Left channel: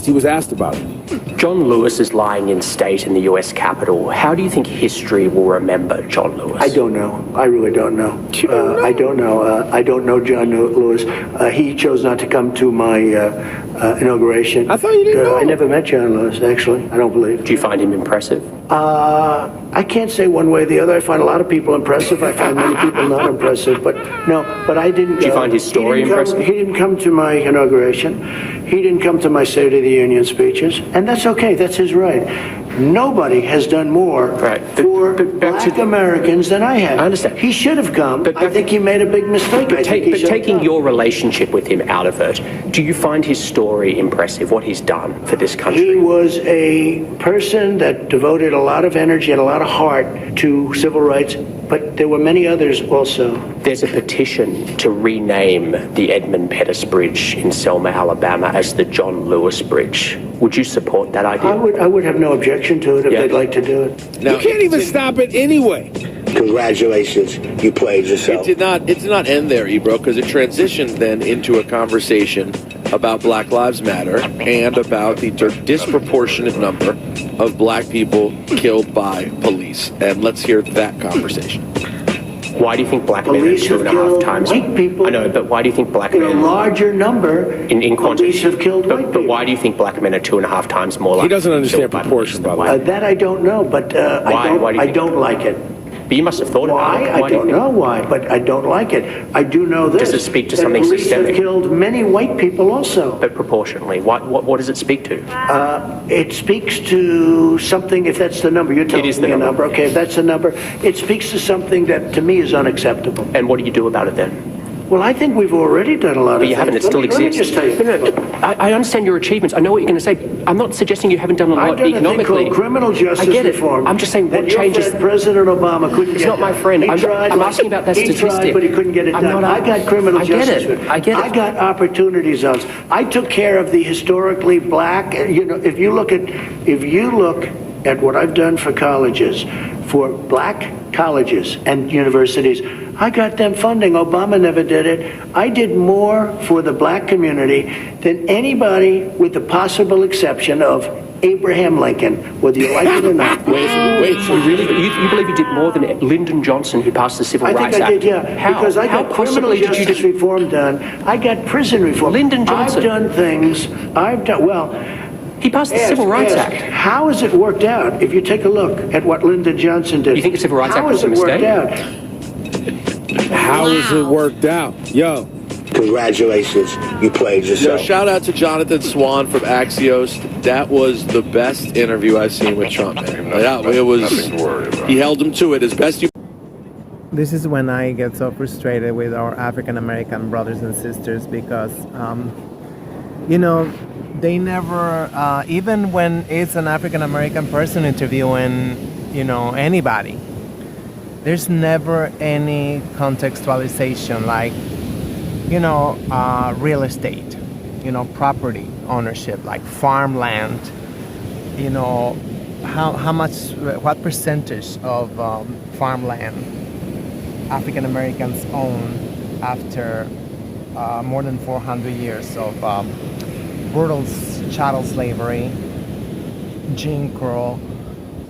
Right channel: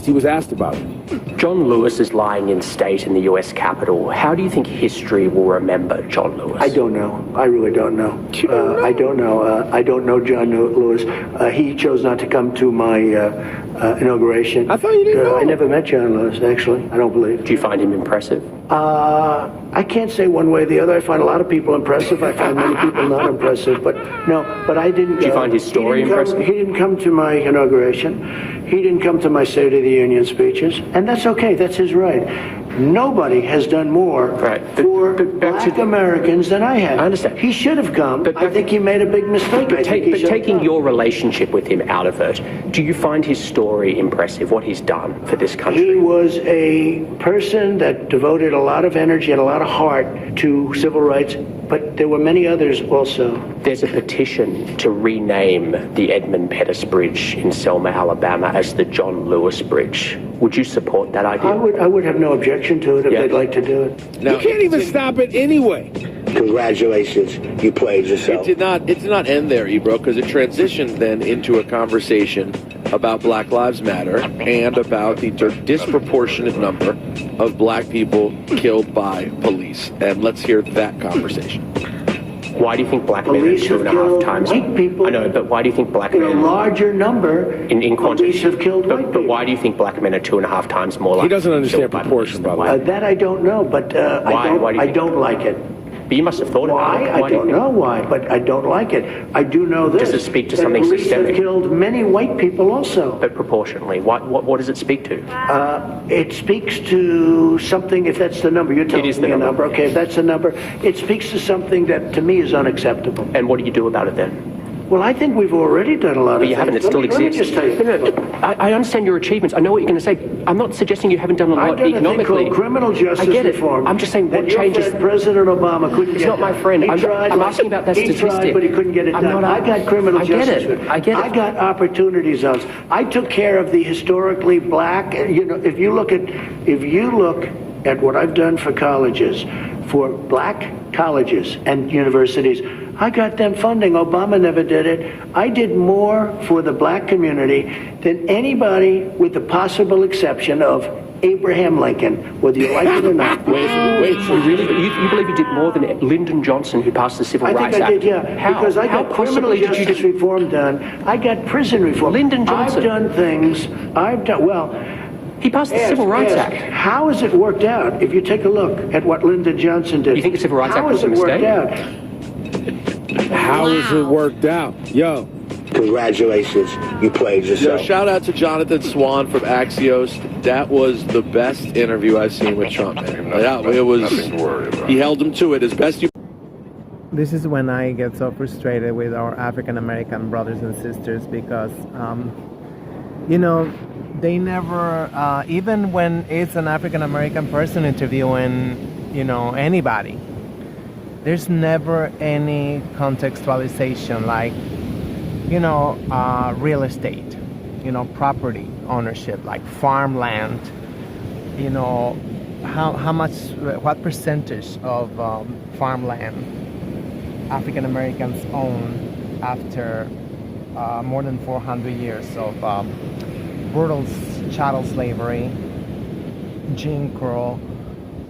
He was asked about it. John Lewis is lying in state in the U.S. Capitol. How do you think history will remember John Lewis? I don't know. I really don't know. I don't know. I don't know John Lewis. He chose not to come to my inauguration. I thought you didn't know. I never met John Lewis, actually. I don't believe. Do you find him impressive? I can't say one way or the other. I find a lot of people impressive. I find many people not impressive. But I didn't. Do you find his story impressive? He didn't come to my inauguration. He didn't come to my State of the Union speeches. And that's okay. That's his right. Nobody has done more for black Americans than I have. I understand. He should have come. I think he made a big mistake. But taking your relationship with him out of it, do you find his story impressive, what he's done for this country? He was a person that devoted a lot of energy and a lot of heart to civil rights, but there were many others also. There's a petition to rename the Edmund Pettus Bridge in Selma, Alabama as the John Lewis Bridge. Would you support that idea? I would have no objection to it if they'd like to do it. You can't even stop it anyway. Congratulations, you played yourself. It did not end there, Ebro, because it transitioned then into a conversation about Black Lives Matter and about the disproportionate number of black people killed by police. And let's hear that conversation. Why do you think black men are 2.5 times? White people. I know, but why do you think black men? In a larger number, in quantity, police have killed white people. But why do you think black men are 2.5 times more likely? He doesn't understand proportion, by the way. That I don't know, but I don't like it. But you must have thought Why? about it. I don't know why, but I don't like it. I do know this. Does it speak to something police systemic? Have killed many white people also. But proportionally, what does it speak to? It speaks to something, if that's the number, you're telling me a number. Okay, if that's the number, it speaks to something that to me is unacceptable. And what do you do about it then? Well, I think we've already done a lot of things. You haven't. It still exists. Let me just tell you. I understand your achievements. I know what you're going to say. I'm not suggesting you haven't done a lot economically. I've done a thing called criminal justice I get it. reform. I'm just saying what changes. President Obama couldn't He's get not my friend. I'm asking about that statistic. He tried, but he couldn't get it done. I got criminal justice. I get it. I got opportunity zones. I took care of the historically black. You know, if you look at what I've done for colleges, for black colleges and universities, I got them funding. Obama never did it. I did more for the black community than anybody, with the possible exception of Abraham Lincoln, whether you like it or not. Wait, so you believe you did more than Lyndon Johnson, who passed the Civil Rights Act? I think I did, yeah. How? Because I got How criminal justice reform done. I got prison reform. Lyndon Johnson. I've done things. He passed the Civil Rights Act. How has it worked out? If you take a look at what Lyndon Johnson did. You think the Civil Rights Act was a mistake? How has it worked out? How has it worked out? Yo. Congratulations, you played yourself. Shout out to Jonathan Swan from Axios. That was the best interview I've seen with Trump. It was. He held him to it as best you. This is when I get so frustrated with our African American brothers and sisters because, they never, even when it's an African American person interviewing, anybody, there's never any contextualization like, real estate, property ownership, like farmland, what percentage of farmland African Americans own after more than 400 years of brutal chattel slavery, Jim Crow,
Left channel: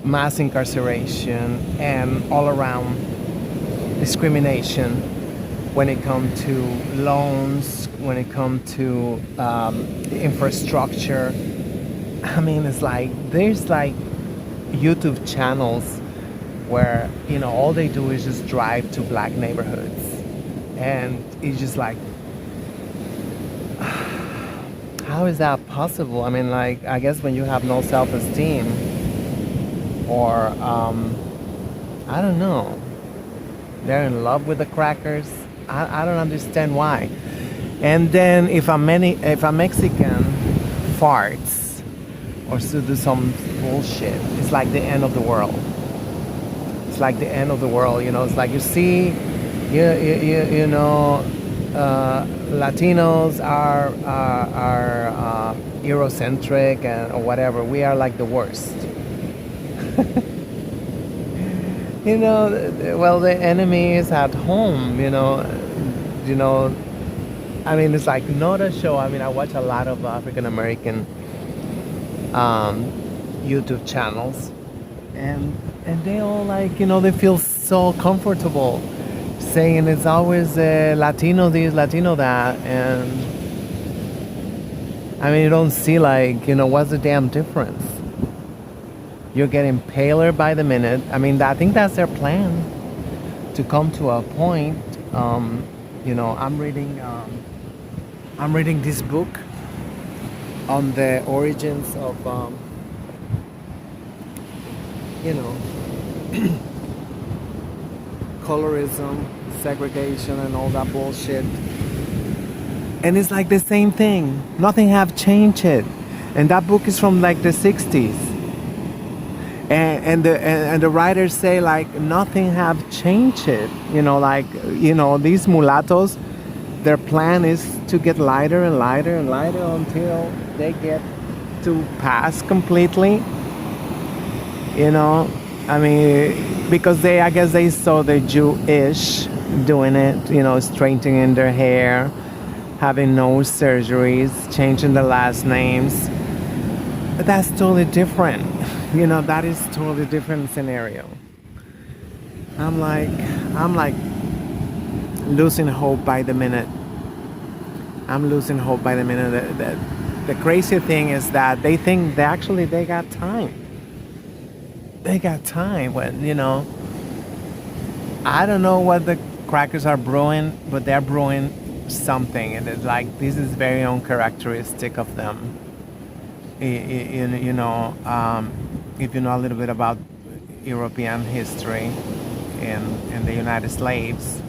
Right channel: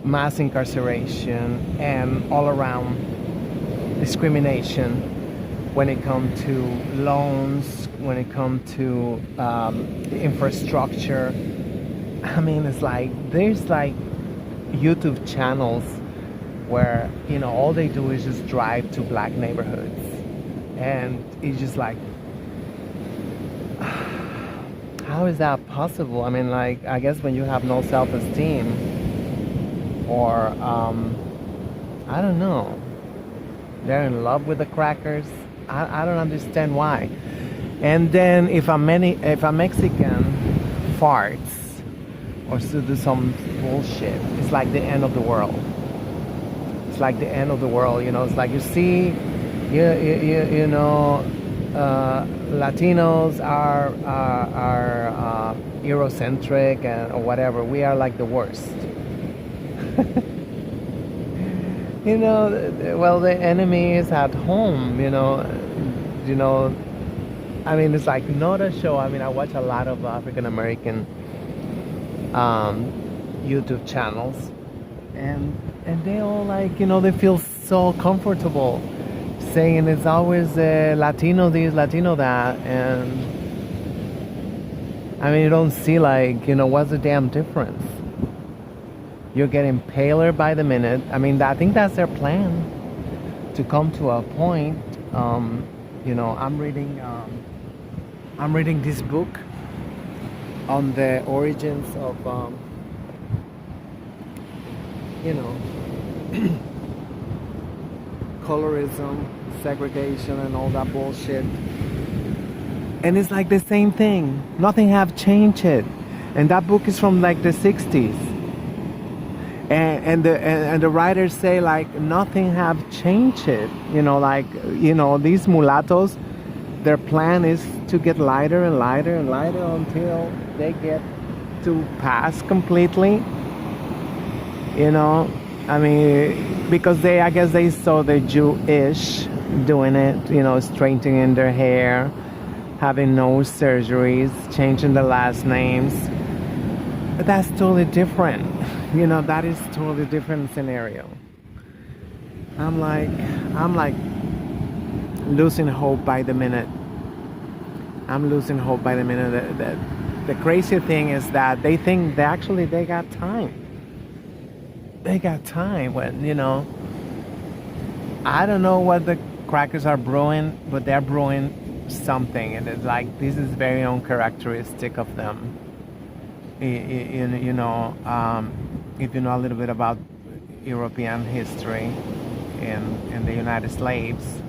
mass incarceration, and all around discrimination when it comes to loans, when it comes to infrastructure. I mean, it's like, there's like YouTube channels where, all they do is just drive to black neighborhoods. And it's just like, how is that possible? I mean, like, I guess when you have no self-esteem, or, I don't know, they're in love with the crackers. I don't understand why. And then if a Mexican farts or to do some bullshit, it's like the end of the world. It's like the end of the world, It's like you see, Latinos are Eurocentric or whatever. We are like the worst. Well, the enemy is at home, I mean, it's like not a show. I mean, I watch a lot of African American YouTube channels, and they all like, you know, they feel so comfortable saying it's always Latino this, Latino that, and I mean, you don't see like, you know, what's the damn difference? You're getting paler by the minute. I mean, I think that's their plan, to come to a point. You know, I'm reading this book on the origins of, you know, colorism, segregation, and all that bullshit. And it's like the same thing. Nothing have changed it. And that book is from like the 60s. And the writers say like nothing have changed it. You know, like, you know, these mulattoes, their plan is to get lighter and lighter and lighter until they get to pass completely. You know, I mean, because I guess they saw the Jewish doing it, you know, straightening their hair, having nose surgeries, changing the last names. But that's totally different. You know, that is totally different scenario. I'm like losing hope by the minute. I'm losing hope by the minute. The crazy thing is that they think they got time. They got time when, you know, I don't know what the crackers are brewing, but they're brewing something, and it's like, this is very uncharacteristic of them. You know, if you know a little bit about European history and the United Slaves,